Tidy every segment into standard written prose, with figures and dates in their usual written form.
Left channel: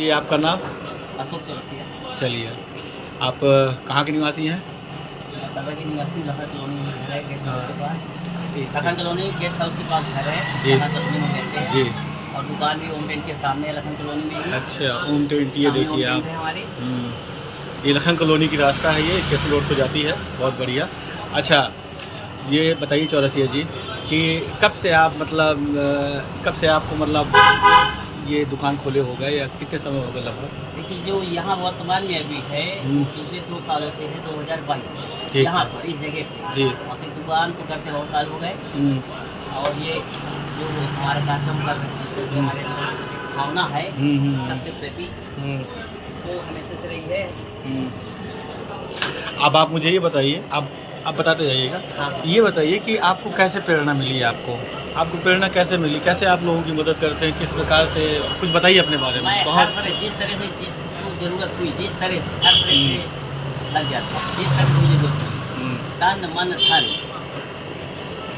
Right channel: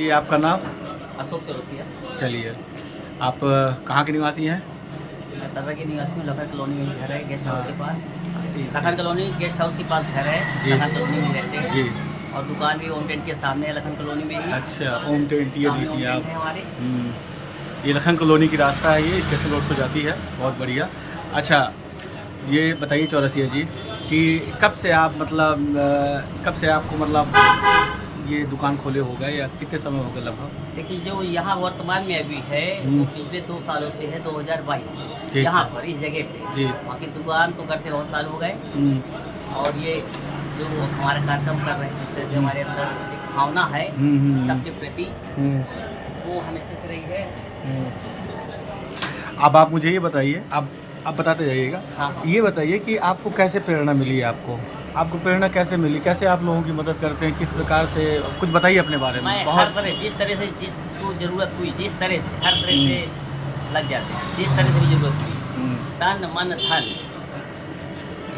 ये आपका नाम? अशोक चौरसिया। चलिए, आप कहाँ के निवासी हैं? मैं तर्रा के निवासी हूँ। लखर कॉलोनी में घर है, गेस्ट हाउस के पास। ठीक लखर कॉलोनी गेस्ट हाउस के पास घर है, जी। लखन कॉलोनी में रहते हैं। जी। और दुकान भी ओम टेंट के सामने है, लखन कॉलोनी में ही। अच्छा, ओम टेंट, ये सामने ओम देखिए आप। टेंट है हमारे। ये लखन कॉलोनी की रास्ता है, ये स्टेशन रोड को जाती है। बहुत बढ़िया। अच्छा, ये बताइए चौरसिया जी कि कब से आप मतलब कब से आपको मतलब ये दुकान खोले हो गए या कितने समय हो गए लगभग? देखिए, जो यहाँ वर्तमान में अभी है हम्म। तो पिछले 2 सालों से है, 2022 से ठीक यहाँ है। पर इस जगह पे। जी। बाकी दुकान तो करते बहुत साल हो गए। हम्म। और ये जो हमारा कार्यक्रम कर रहे हैं, जिस तरह से हमारे अंदर एक भावना है सबके प्रति, वो हमेशा से रही है। अब आप मुझे ये बताइए, आप बताते जाइएगा। हाँ। ये बताइए कि आपको कैसे प्रेरणा मिली? आपको प्रेरणा कैसे मिली? कैसे आप लोगों की मदद करते हैं? किस प्रकार से? कुछ बताइए अपने बारे में। मैं बहुत हर तरह, जिस तरह से जिसको ज़रूरत हुई, जिस तरह से हर तरह से लग जाते हैं, जिस तरह से ज़रूरत हुई, तन मन धन,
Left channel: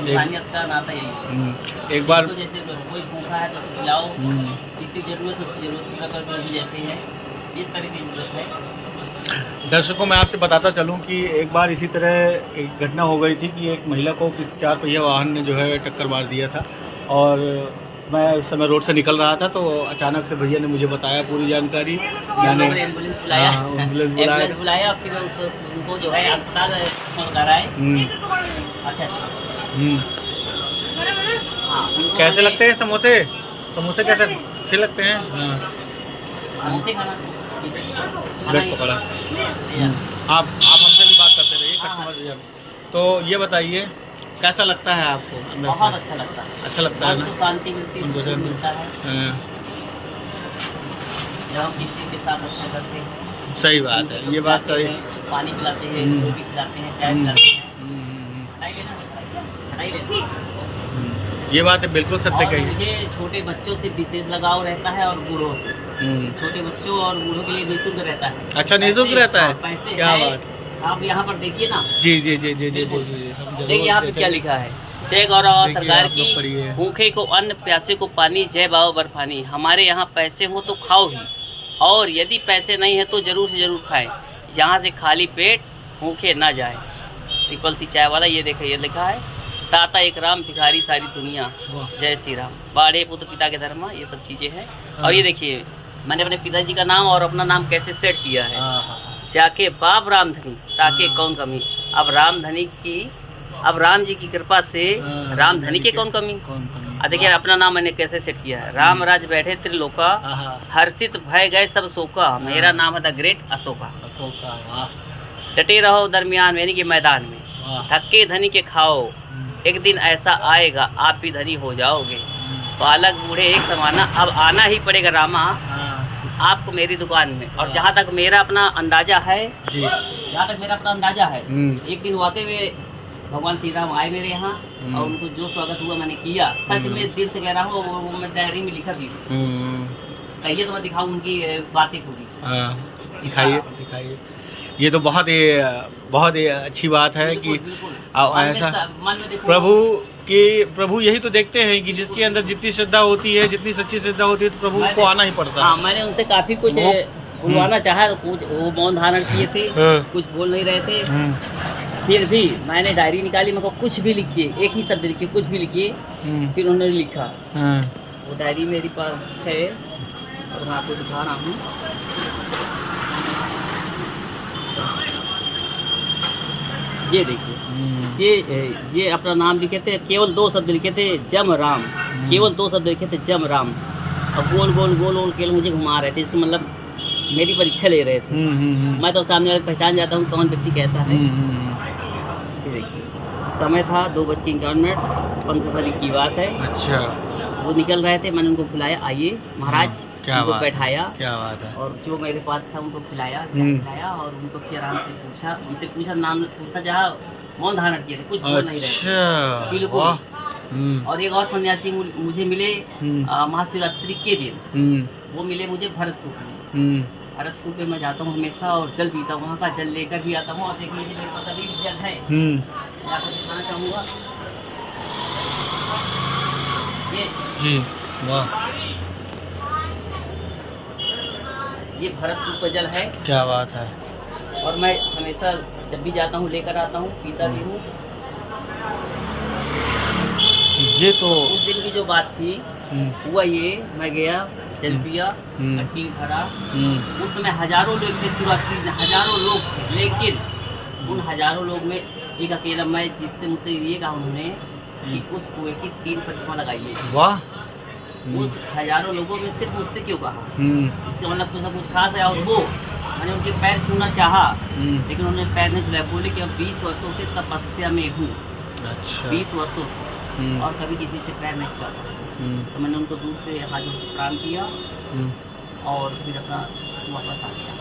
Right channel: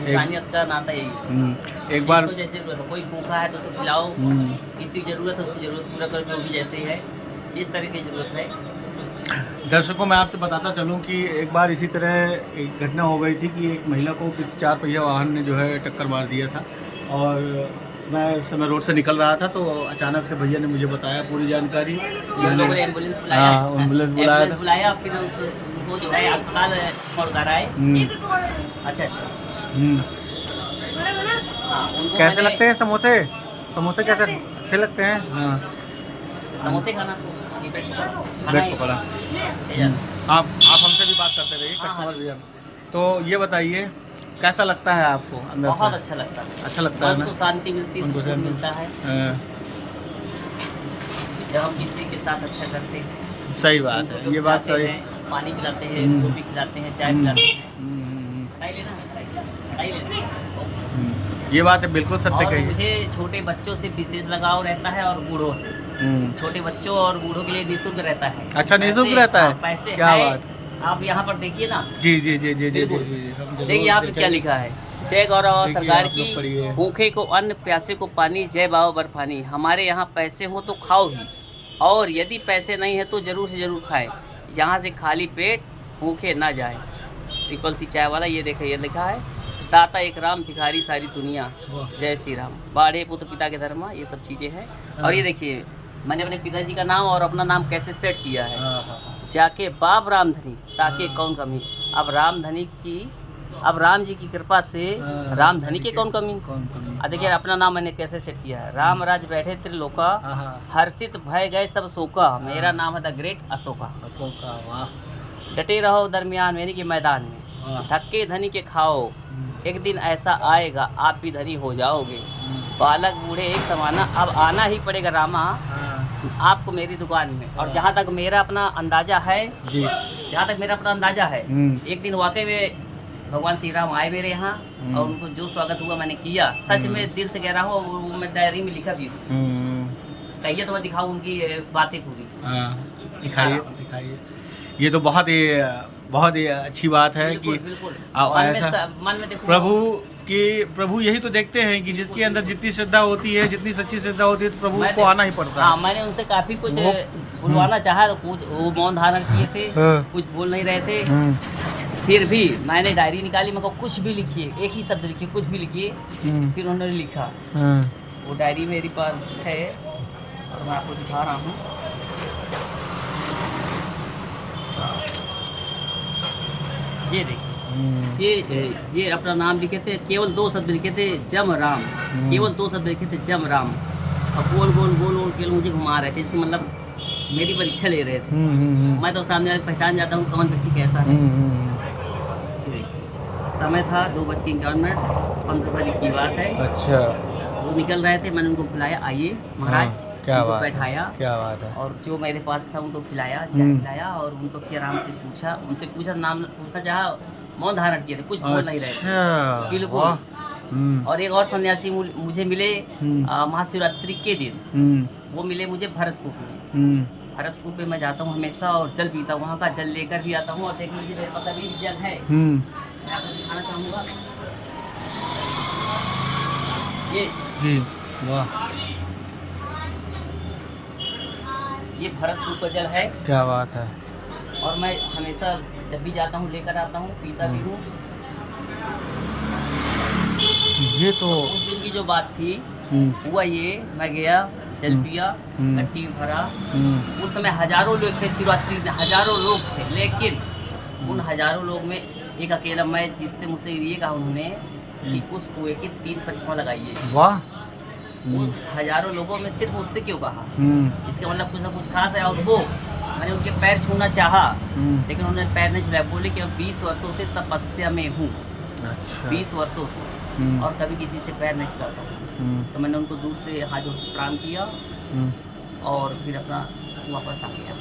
इंसानियत का नाता यही है। एक बार जिसको जैसे ज़रूरत है, कोई भूखा है तो उसे खिलाओ, किसी की ज़रूरत है उसकी ज़रूरत पूरा कर दो, भी जैसे है जिस तरह की ज़रूरत है। दर्शकों मैं आपसे बताता चलूं कि एक बार इसी तरह एक घटना हो गई थी कि एक महिला को किसी 4 पहिया वाहन ने जो है टक्कर मार दिया था। और मैं उस समय रोड से निकल रहा था तो अचानक से भैया ने मुझे बताया पूरी जानकारी। मैंने एम्बुलेंस बुलाया। एम्बुलेंस बुलाया, फिर उनको जो है अस्पताल छोड़ कर आए। अच्छा। हाँ, उनको कैसे मैंने- लगते हैं समोसे? समोसे कैसे अच्छे लगते हैं? हाँ, समोसे खाना ब्रेड पकड़ा। आप हमसे भी बात करते रहिए, कस्टमर भैया। तो ये बताइए कैसा लगता है आपको अंदर से? बहुत अच्छा लगता है। अच्छा लगता है ना? उनको शांति मिलती है, उनको सुकून शांति मिलता है हाँ, जब हम किसी के साथ अच्छा करते हैं। सही बात है, ये बात सही। पानी पिलाते हैं, रोटी खिलाते हैं, चाय पिलाते हैं। हटाई लेना, हटाई लेना। ये बात है, बिल्कुल सत्य और कही। मुझे छोटे बच्चों से विशेष लगाव रहता है और बूढ़ों से। छोटे बच्चों और बूढ़ों के लिए निःशुल्क रहता है। अच्छा, निःशुल्क रहता है? पैसे क्या है, बात। आप यहाँ पर देखिए ना। जी जी जी जी जी जी बिल्कुल। जी, हम जरूर देखिए यहाँ पे देखेंगे। क्या लिखा है। जय गौरव देखिए, सरकार आप लोग पढ़िए। की, भूखे को अन्न, प्यासे को पानी, जय बाबा बर्फानी। हमारे यहाँ पैसे हो तो खाओ ही, और यदि पैसे नहीं है तो ज़रूर से ज़रूर खाएं। यहाँ से खाली पेट भूखे ना जाए। ट्रिपल सी चाय वाला, ये देखिए, ये लिखा है, दाता एक राम, भिखारी सारी दुनिया, जय श्री राम, बाढ़े पुत्र पिता के धर्मा, ये सब चीज़ें हैं। और ये देखिए, मैंने अपने पिताजी का नाम और अपना नाम कैसे सेट किया है। जाके बाप रामधनी ताके कौन कमी। अब राम जी की कृपा से रामधनी के कौन कमी। देखिए अपना नाम मैंने कैसे सेट किया है। राम राज बैठे त्रिलोका, हर्षित भय गए सब शोका, मेरा नाम है द ग्रेट अशोका। डटे रहो दरमियान यानी कि मैदान में, धक्के धनी के खाओ, एक दिन ऐसा आएगा आप भी धनी हो जाओगे। बालक बूढ़े एक समाना, अब आना ही पड़ेगा रामा आपको मेरी दुकान में। और जहाँ तक मेरा अपना अंदाजा है, एक दिन वाकई में भगवान श्री राम आए मेरे यहाँ, और उनको जो स्वागत हुआ मैंने किया, सच में दिल से कह रहा हूँ। और वो मैं डायरी में लिखा भी हूँ। कहिए तो मैं दिखाऊँ उनकी बातें पूरी। दिखाइए। ये तो बहुत ही अच्छी बात है कि ऐसा प्रभु यही तो देखते हैं कि जिसके अंदर जितनी श्रद्धा होती है, जितनी सच्ची श्रद्धा होती है, तो प्रभु को आना ही पड़ता है। मैंने उनसे काफी कुछ बुलवाना चाहा, कुछ वो मौन धारण किए थे, कुछ बोल नहीं रहे थे। फिर भी मैंने डायरी निकाली, मेरे को कुछ भी लिखिए, एक ही शब्द लिखिए, कुछ भी लिखिए। फिर उन्होंने लिखा, वो डायरी मेरे पास है और मैं आपको दिखा रहा हूँ। ये देखिए, ये अपना नाम लिखे थे, केवल 2 शब्द लिखे थे, जम राम। केवल 2 शब्द लिखे थे, जम राम। और गोल गोल गोल गोल केवल मुझे घुमा रहे थे, इसका मतलब मेरी परीक्षा ले रहे थे। मैं तो सामने वाले पहचान जाता हूँ कौन व्यक्ति कैसा है। ये देखिए, समय था 2:51, 15 तारीख की बात है। अच्छा, वो निकल रहे थे, मैंने उनको बुलाया, आइए महाराज, उनको बैठाया। क्या बात है। और जो मेरे पास था उनको खिलाया, चाय खिलाया, और उनको फिर आराम से पूछा, उनसे पूछा, नाम पूछा, जहाँ मौन धारण किए थे, कुछ बोल नहीं रहे थे। बिल्कुल। और एक और सन्यासी मुझे मिले महाशिवरात्रि के दिन, वो मिले मुझे भरतपुर में। भरतपुर पे मैं जाता हूँ हमेशा और जल पीता हूँ, वहाँ का जल लेकर भी आता हूँ। और देख लीजिए मेरे पास अभी भी जल है, मैं आपको दिखाना चाहूँगा। ये जी, वाह। ये भरतपुर का जल है। क्या बात है। और मैं हमेशा जब भी जाता हूँ लेकर आता हूँ, पीता भी हूँ। ये तो उस दिन की जो बात थी हुआ ये, मैं गया जल पिया, घंटी भरा। उस समय हजारों लोग थे शिवरात्रि में, हजारों लोग थे, लेकिन उन हजारों लोग में एक अकेला मैं, जिससे मुझसे ये कहा उन्होंने कि उस कुएं की 3 प्रतिमा लगाइए। वाह। उस हजारों लोगों में सिर्फ मुझसे क्यों कहा, इसका मतलब कुछ ना कुछ खास है। और वो मैंने उनके पैर छूना चाहा, लेकिन उन्होंने पैर नहीं छुलाया। बोले कि अब 20 वर्षों से तपस्या में हूँ। अच्छा। 20 वर्षों से और कभी किसी से पैर नहीं छुलाता। तो मैंने उनको दूर से हाथ जोड़ के प्रणाम किया और फिर अपना वापस आ गया,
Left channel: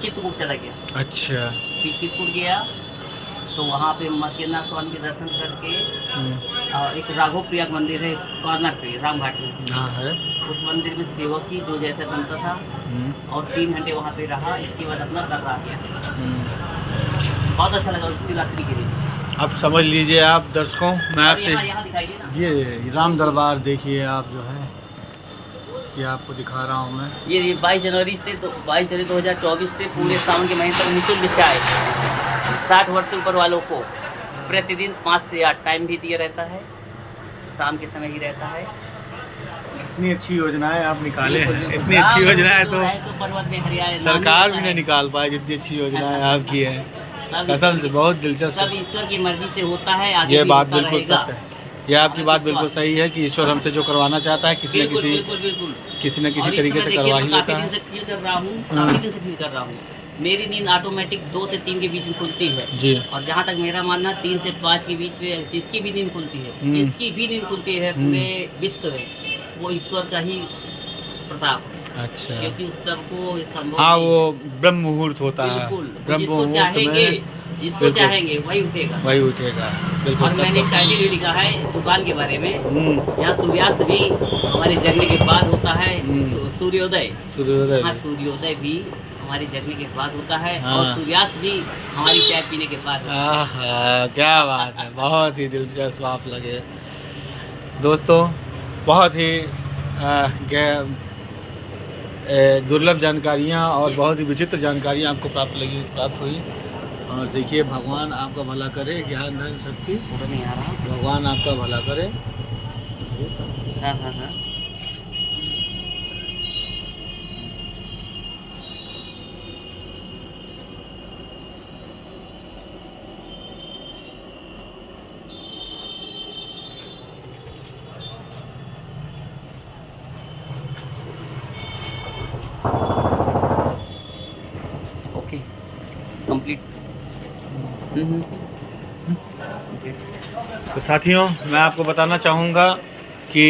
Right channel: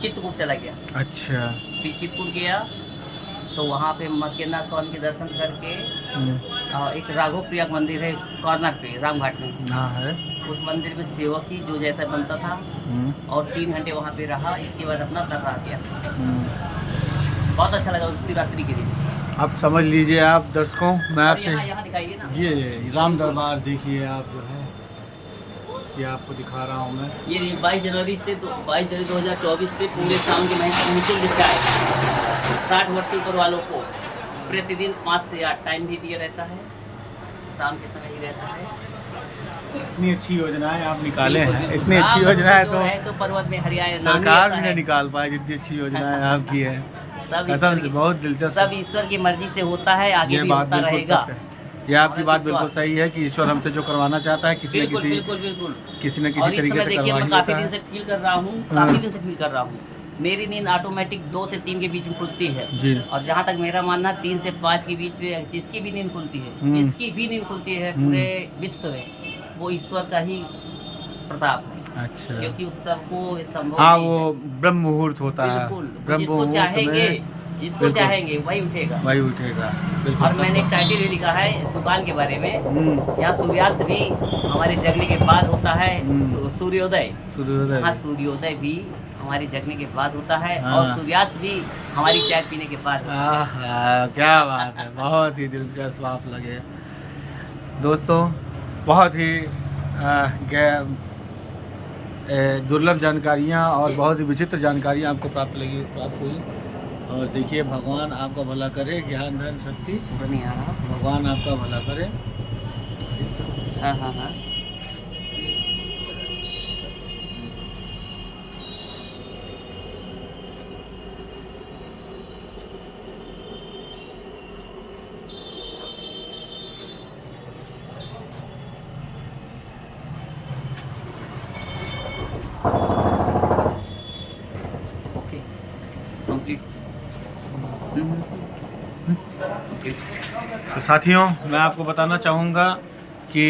चित्रकूट चला गया। अच्छा। फिर चित्रकूट गया तो वहाँ पे मकेंद्र स्वामी के दर्शन करके एक राघव प्रिया मंदिर है कॉर्नर पे रामघाट में। हाँ है। उस मंदिर में सेवक की जो जैसा बनता था और 3 घंटे वहाँ पे रहा। इसके बाद अपना घर आ गया। बहुत अच्छा लगा उस शिवरात्रि के दिन। अब समझ लीजिए आप दर्शकों, मैं आपसे ये राम दरबार देखिए आप जो है, ये आपको दिखा रहा हूँ मैं। ये 22 जनवरी 2024 से पूरे सावन के महीने तक निःशुल्क बिछा है। 60 वर्ष से ऊपर वालों को प्रतिदिन 5 से 8 टाइम भी दिया रहता है, शाम के समय ही रहता है। इतनी अच्छी योजनाएं आप निकाले हैं, इतनी अच्छी योजनाएं तो सरकार भी नहीं निकाल पाए जितनी अच्छी योजनाएं आपकी है। कसम से बहुत दिलचस्प। सब ईश्वर की मर्जी से होता है। आगे ये बात बिल्कुल सत्य है। ये आपकी बात बिल्कुल सही है कि ईश्वर हमसे जो करवाना चाहता है किसी न किसी तरीके से करवा ही लेता है। काफी दिन से फील कर रहा हूँ, मेरी नींद ऑटोमेटिक 2 से 3 के बीच में खुलती है जी। और जहाँ तक मेरा मानना 3 से 5 के बीच में जिसकी भी नींद खुलती है, जिसकी भी नींद खुलती है पूरे विश्व में, वो ईश्वर का ही प्रताप है। अच्छा। क्योंकि उस सबको संभव, हाँ, वो ब्रह्म मुहूर्त होता है। ब्रह्म मुहूर्त में जिसको चाहेंगे वही उठेगा। बिल्कुल। और मैंने टाइटल भी लिखा है दुकान के बारे में, यहाँ सूर्यास्त भी हमारे जगने के बाद होता है। सूर्योदय हाँ, सूर्योदय भी हमारे जगने के बाद होता है। और सूर्यास्त भी हमारी चाय पीने के बाद होता है। क्या बात है, बहुत ही दिलचस्प आप लगे दोस्तों। बहुत ही दुर्लभ जानकारियाँ और बहुत ही विचित्र जानकारियाँ आपको प्राप्त हुई। और देखिए, भगवान आपका भला करे, ज्ञान धन शक्ति पूरा नहीं आ रहा, भगवान आपका भला करे। हाँ हाँ हाँ। तो साथियों, मैं आपको बताना चाहूँगा कि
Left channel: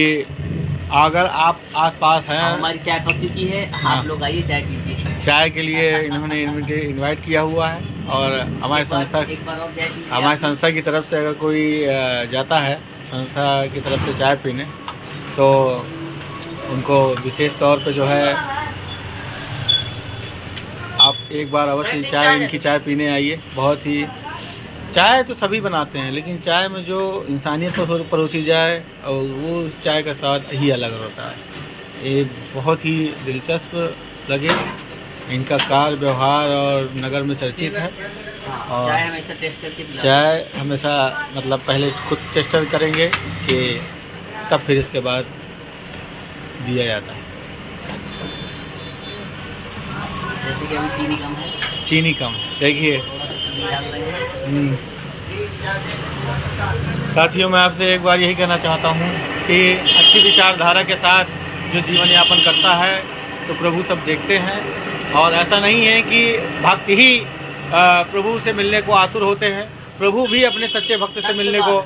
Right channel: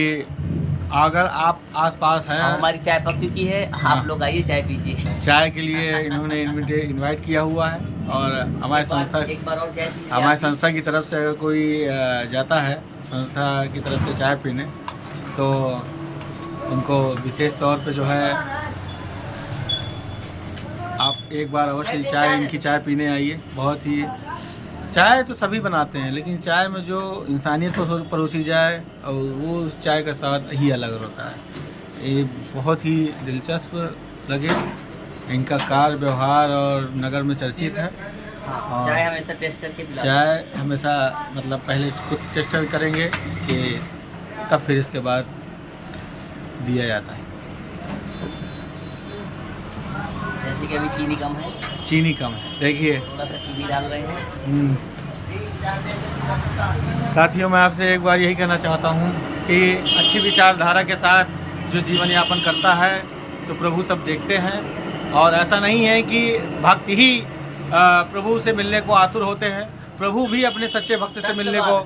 अगर आप आसपास हैं, हमारी चाय पक चुकी है, आप लोग आइए चाय पीजिए। चाय के लिए इन्होंने इनवाइट किया हुआ है। और हमारे संस्था की तरफ से अगर कोई जाता है संस्था की तरफ से चाय पीने, तो उनको विशेष तौर पे जो है आप एक बार अवश्य इनकी चाय पीने आइए। बहुत ही, चाय तो सभी बनाते हैं, लेकिन चाय में जो इंसानियत को परोसी जाए और वो चाय का स्वाद ही अलग होता है। ये बहुत ही दिलचस्प लगे, इनका कार्य व्यवहार और नगर में चर्चित है। और चाय हमेशा टेस्ट करके, चाय हमेशा मतलब पहले खुद टेस्ट करेंगे कि तब फिर इसके बाद दिया जाता है। जैसे कि अभी चीनी कम है, देखिए। साथियों, मैं आपसे एक बार यही कहना चाहता हूँ कि अच्छी विचारधारा के साथ जो जीवन यापन करता है तो प्रभु सब देखते हैं। और ऐसा नहीं है कि भक्त ही प्रभु से मिलने को आतुर होते हैं, प्रभु भी अपने सच्चे भक्त से मिलने को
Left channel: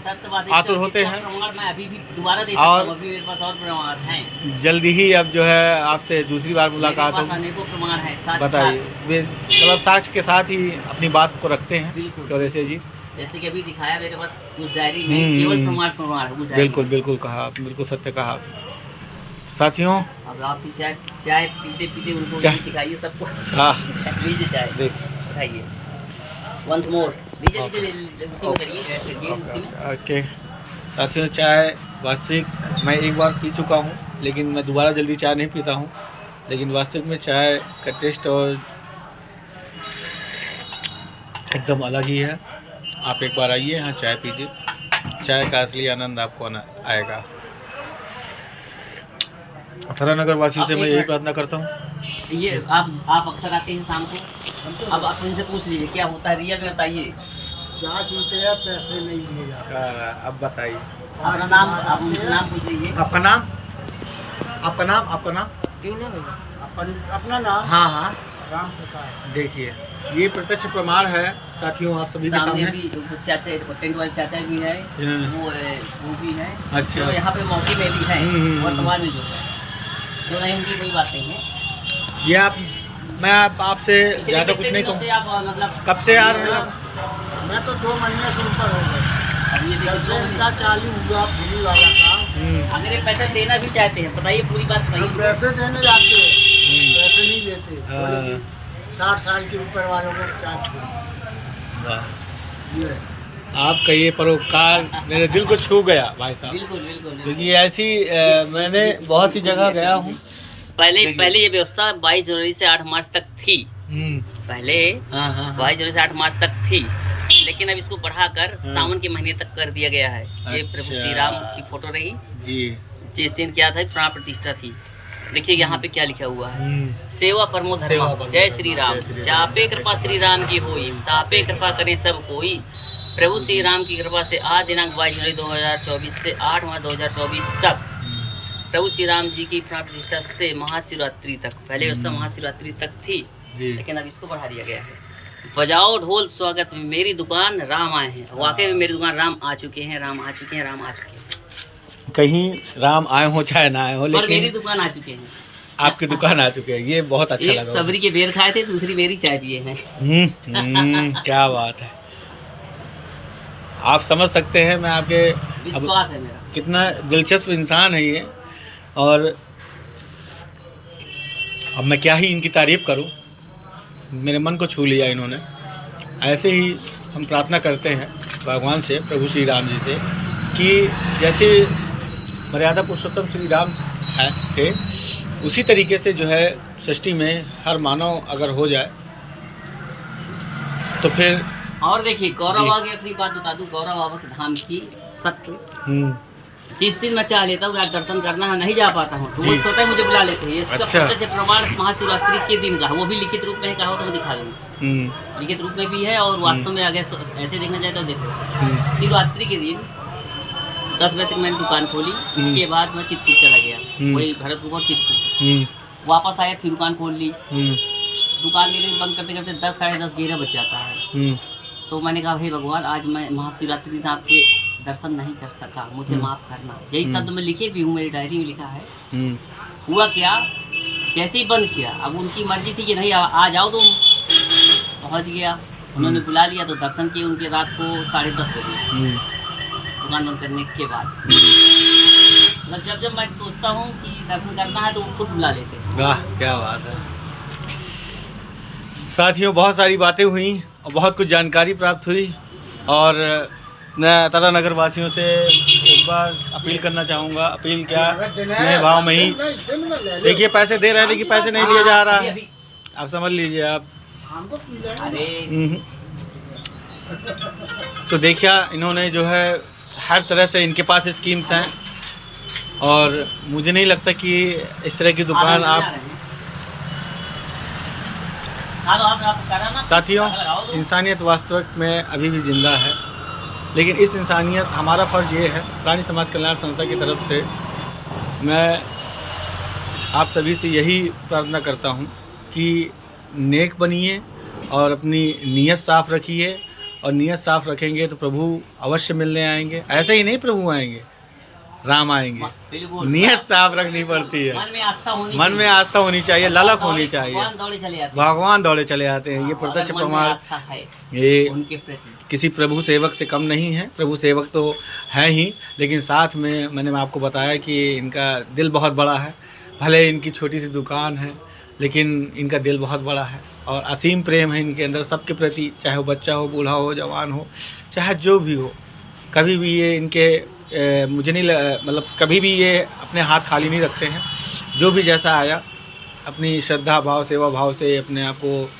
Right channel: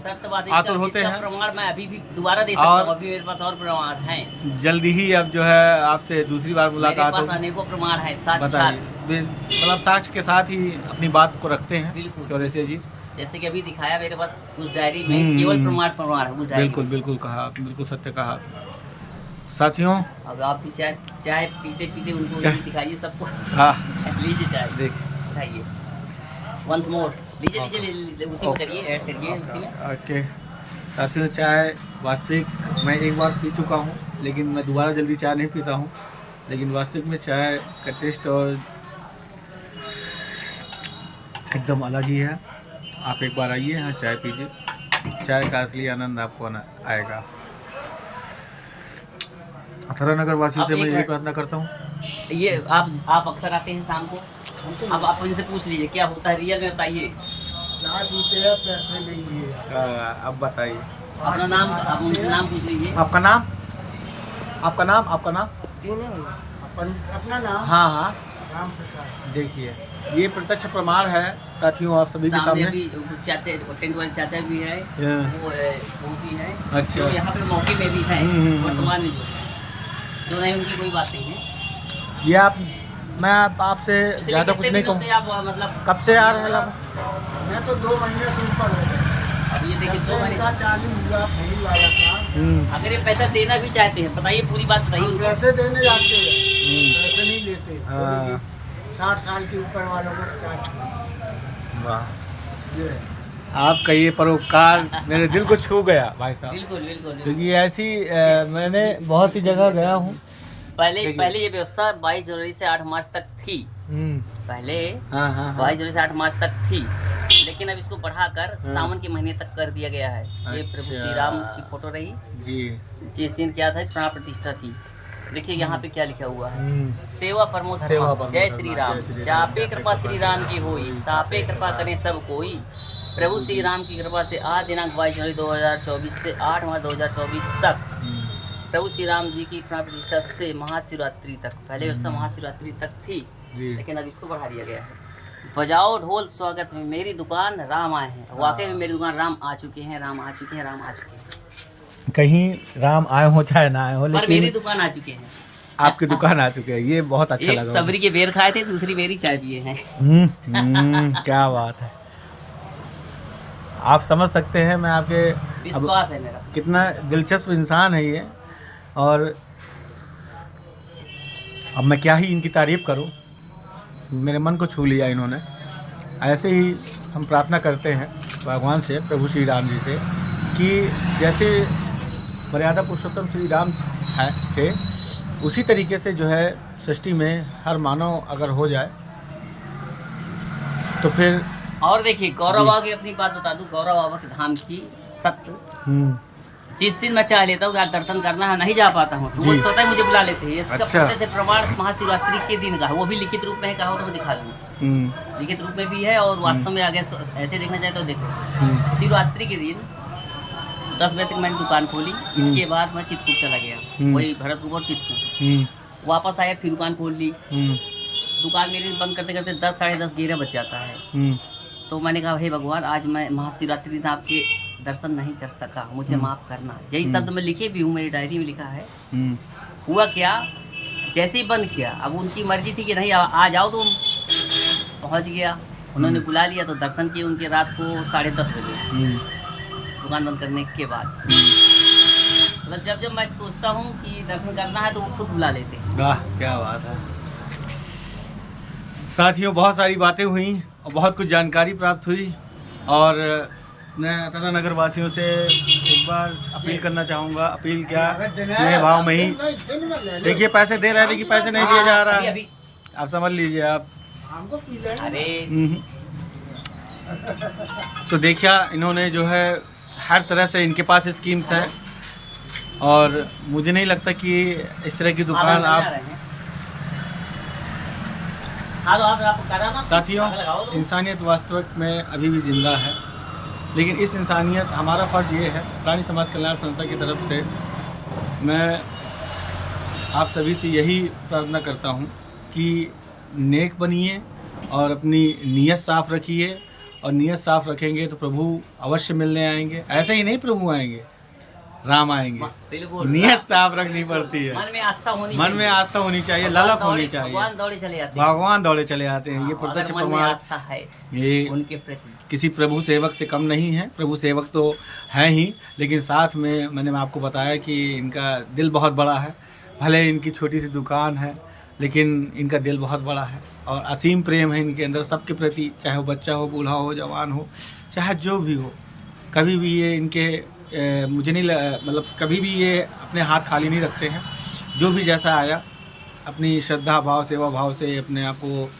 आतुर होते हैं। मैं अभी भी दोबारा दे सकता हूं, अभी मेरे पास और प्रमाण हैं। जल्दी ही अब जो है आपसे दूसरी बार मुलाकात होगी। अनेकों प्रमाण हैं, बताइए। मतलब साक्ष्य के साथ ही अपनी बात को रखते हैं चौरसिया जी। जैसे कि अभी दिखाया मेरे पास उस डायरी में केवल प्रमाण है। बिल्कुल बिल्कुल कहा, बिल्कुल सत्य कहा। साथियों, अब आपकी चाय पीते पीते उनको दिखाइए सबको। हाँ, लीजिए चाय, दिखाइए वंस मोर। ओके साथियों, चाय वास्तविक मैं एक बार पी चुका हूँ, लेकिन मैं दोबारा जल्दी चाय नहीं पीता हूँ। लेकिन वास्तविक में चाय का टेस्ट और एकदम अलग ही है। आप एक बार आइए यहाँ चाय पीजिए, चाय का असली आनंद आपको आएगा। अथरा नगर वासियों से मैं यही प्रार्थना करता हूँ। ये आप अक्सर आते हैं शाम को, अब आप इनसे पूछ लीजिए क्या होता है रियल में, बताइए। चाय पीते हैं, पैसे नहीं दिए। अब बताइए अपना नाम, आप उनसे नाम पूछ लीजिए। आपका नाम, आपका नाम, आपका नाम क्यों ना? अपना नाम हाँ हाँ राम प्रकाश। देखिए ये प्रत्यक्ष प्रमाण है साथियों आप सभी के सामने सामने। अभी वो चाचा, टेंट वाले चाचा भी है, हाँ। वो भी है। अच्छा। जो यहाँ पे मौके में भी है वर्तमान में जो नहीं, उनकी कोई बात नहीं है। ये आप, मैं आपसे ज़्यादा कुछ नहीं कहूँ। आप मतलब कब से आ रहे हैं आप? मैं तो 2 महीने से ऊपर हो गए। अब ये जब देखिए 2 से महीने, इनका चालू हुआ पूरी वाला काम, अगर ये पैसा देना भी चाहते हैं, बताइए पूरी बात हम बताइए। पैसे देने जाते हैं, पैसे नहीं लेते। हाँ। बोले कि 60 साल के ऊपर वालों को चाय पिलाओ। वाह, ये आपका ये परोपकार मेरे दिल को छू गया भाई साहब। बिल्कुल बिल्कुल। क्योंकि ऐसी मैंने बहुत सी जगह गया हूँ। पहले ये व्यवस्था 22 जनवरी से 8 मार्च तक थी। पहले हाँ हाँ 22 जनवरी से 8 मार्च तक थी, लेकिन अब इसको बढ़ाकर सावन के महीने तक कर दिया गया है। ये प्रभु अच्छा। श्री राम की फोटो रही, जी। जिस दिन क्या था प्राण प्रतिष्ठा थी। देखिए यहाँ पे क्या लिखा हुआ है, सेवा परमो सेवा धर्म, परमो जय धर्म, श्री राम। जय श्री राम। चापे कृपा श्री राम की होई, तापे कृपा करे सब कोई। प्रभु श्री राम की कृपा से आज दिनांक 22 जनवरी 2024 से 8 मार्च 2024 तक प्रभु श्री राम जी की प्राण प्रतिष्ठा से महाशिवरात्रि तक, पहले उसका महाशिवरात्रि तक थी, जी। लेकिन अब इसको बढ़ा दिया गया है। बजाओ ढोल स्वागत में, मेरी दुकान राम आए हैं। वाकई में मेरी दुकान राम आ चुके हैं, राम आ चुके हैं, राम आ चुके हैं। कहीं राम आए हो चाहे ना आए हो, पर मेरी लेकिन दुकान आ चुके हैं। आपकी दुकान आ चुके हैं, ये बहुत अच्छा एक लगा। सबरी के बेर खाए थे, दूसरी बेरी चाय पिए हैं। क्या बात है। आप समझ सकते हैं मैं आपके विश्वास है मेरा। कितना दिलचस्प इंसान है ये, और अब मैं क्या ही इनकी तारीफ़ करूं, मेरे मन को छू लिया इन्होंने। ऐसे ही हम प्रार्थना करते हैं भगवान से, प्रभु श्री राम जी से, कि जैसे मर्यादा पुरुषोत्तम श्री राम थे, उसी तरीके से जो है सृष्टि में हर मानव अगर हो जाए तो फिर। और देखिए गौरव बाबा की अपनी बात बता दूं, गौरव बाबा के धाम की सत्य, जिस दिन मैं चाह लेता हूँ दर्शन करना नहीं जा पाता हूँ, तो वो स्वतः मुझे बुला लेते हैं। इसका अच्छा। प्रत्यक्ष प्रमाण महाशिवरात्रि के दिन का है, वो भी लिखित रूप में कहा हो तो मैं दिखा दूंगा। लिखित रूप में भी है और वास्तव में आगे ऐसे देखना चाहे तो देखो। शिवरात्रि के दिन 10 बजे तक मैंने दुकान खोली, इसके बाद मैं चितपुर चला गया, वही भरतपुर और चितपुर। वापस आया फिर दुकान खोल ली, दुकान मेरी बंद करते करते 10 साढ़े 10 11 बज जाता है। तो मैंने कहा हे भगवान, आज मैं महाशिवरात्रि दिन आपके दर्शन नहीं कर सका, मुझे माफ़ करना। यही शब्द मैं लिखे भी हूँ, मेरी डायरी में लिखा है। हुआ क्या, जैसे ही बंद किया, अब उनकी मर्जी थी कि नहीं आ जाओ तुम, पहुँच गया। उन्होंने बुला लिया तो दर्शन किए उनके रात को 10:30 बजे दुकान बंद करने के बाद। मतलब जब मैं सोचता हूँ कि दर्शन करना है तो वो खुद बुला लेते हैं। वाह, क्या बात है। साथियों बहुत सारी बातें हुई और बहुत कुछ जानकारी प्राप्त हुई, और मैं अतरा नगर वासियों से एक बार अपील करना चाहूँगा। अपील क्या, स्नेह भाव में ही। देखिए पैसे दे रहे हैं लेकिन पैसे नहीं दिया जा रहा है, आप समझ लीजिए आप। अरे तो देखिए इन्होंने जो है हर तरह से इनके पास स्कीम्स हैं, और मुझे नहीं लगता कि इस तरह की दुकान आप। साथियों इंसानियत वास्तविक में अभी भी जिंदा है, लेकिन इस इंसानियत, हमारा फ़र्ज़ ये है प्राणी समाज कल्याण संस्था की तरफ से, मैं आप सभी से यही प्रार्थना करता हूँ कि नेक बनिए और अपनी नीयत साफ़ रखिए, और नीयत साफ़ रखेंगे तो प्रभु अवश्य मिलने आएंगे। ऐसे ही नहीं प्रभु आएंगे, राम आएंगे। नीयत साफ रखनी पड़ती है, मन में आस्था होनी चाहिए, ललक होनी चाहिए। भगवान दौड़े चले आते हैं। ये प्रत्यक्ष प्रमाण, ये किसी प्रभु सेवक से कम नहीं है। प्रभु सेवक तो है ही, लेकिन साथ में मैंने आपको बताया कि इनका दिल बहुत बड़ा है। भले इनकी छोटी सी दुकान है, लेकिन इनका दिल बहुत बड़ा है और असीम प्रेम है इनके अंदर सबके प्रति, चाहे वो बच्चा हो, बूढ़ा हो, जवान हो, चाहे जो भी हो। कभी भी ये इनके मुझे नहीं मतलब कभी भी ये अपने हाथ खाली नहीं रखते हैं। जो भी जैसा आया अपनी श्रद्धा भाव सेवा भाव से अपने आप को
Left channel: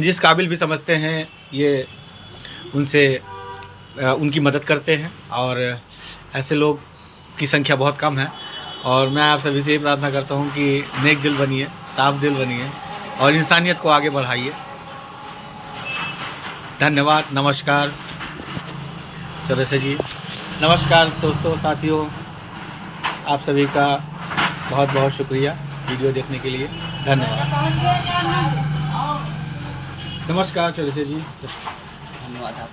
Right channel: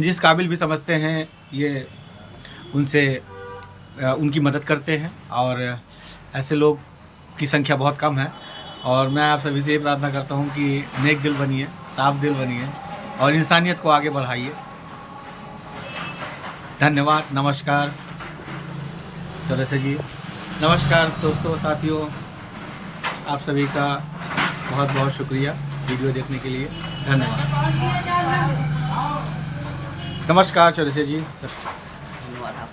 जिस काबिल भी समझते हैं ये उनसे उनकी मदद करते हैं। और ऐसे लोग की संख्या बहुत कम है। और मैं आप सभी से ये प्रार्थना करता हूँ कि नेक दिल बनिए, साफ दिल बनिए और इंसानियत को आगे बढ़ाइए। धन्यवाद। नमस्कार चौरसिया जी। नमस्कार दोस्तों, साथियों, आप सभी का बहुत बहुत शुक्रिया वीडियो देखने के लिए। धन्यवाद। नमस्कार चौरसिया जी। धन्यवाद आप